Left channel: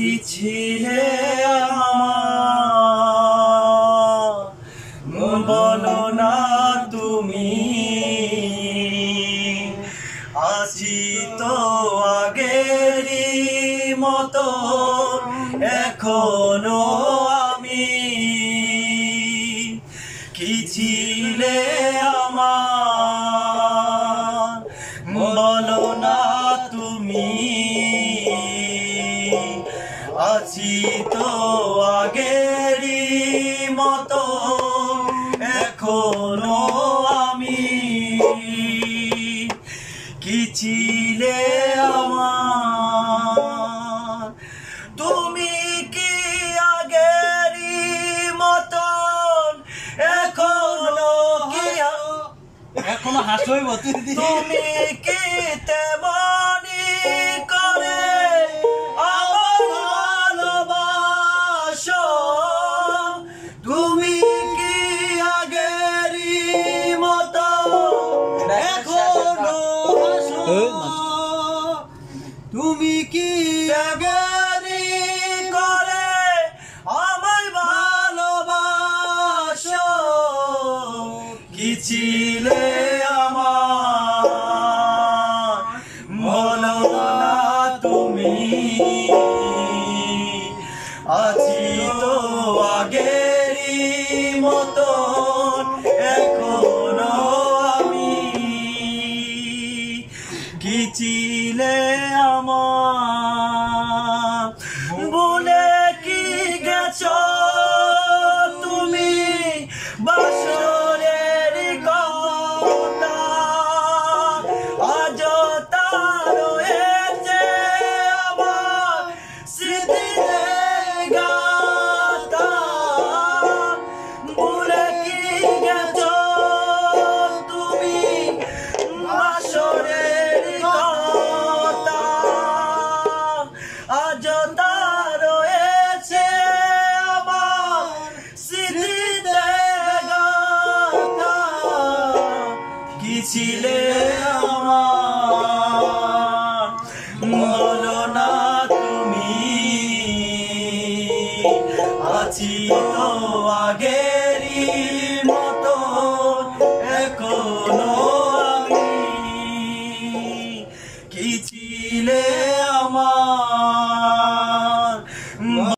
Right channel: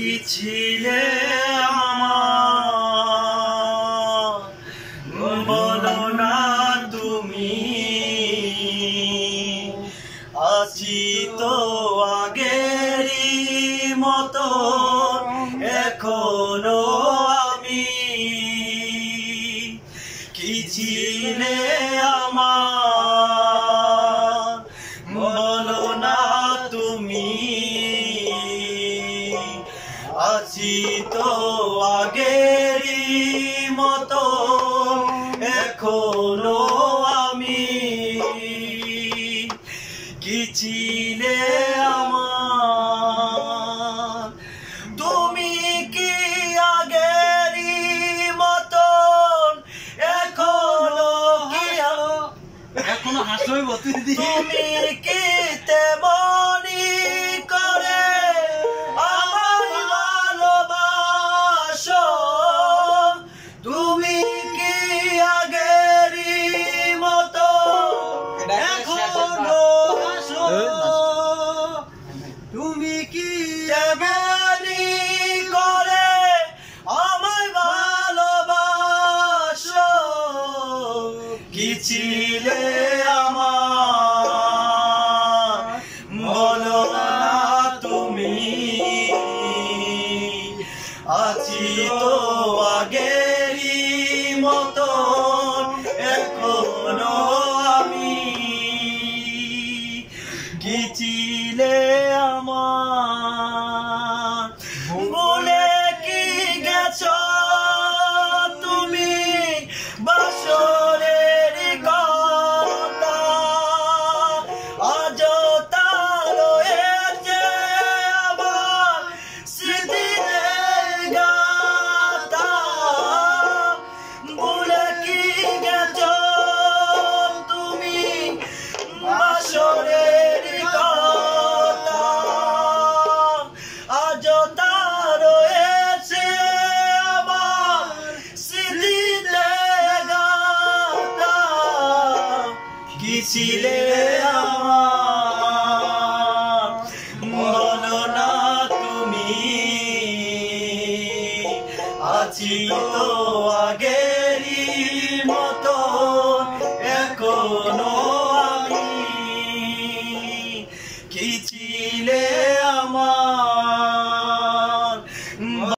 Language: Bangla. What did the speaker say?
কি ছিলে আমার বলো না তুমি আছি তো আগেরই মতো এখনো আমি কি ছিলে আমার বলো না তুমি আছি তো আগেরই মতো এখনো আমি কি ছিলে আমার তুমি কি আগেরই মতন এখনো কি এখনো হাসই তুমি কি তেমনি করে আমায় ভালোবাসো তুমি কি আগেরই মতো এখনো হাসো তুমি কি তেমনি করে আমায় ভালোবাসো কি ছিলে আমার বলো না তুমি আছি তো আগেরই মতো এখনো আমি কি ছিলে আমার বলে কি গেছো তুমি বাসরের কথা আজ তার রয়েছে আমার স্মৃতিতে গাথা বলে কি গেছো তুমি বাসরের কথা আজ তার রয়েছে আমার স্মৃতিতে গাথা কি ছিলে আমার বলো না তুমি আছি তো আগে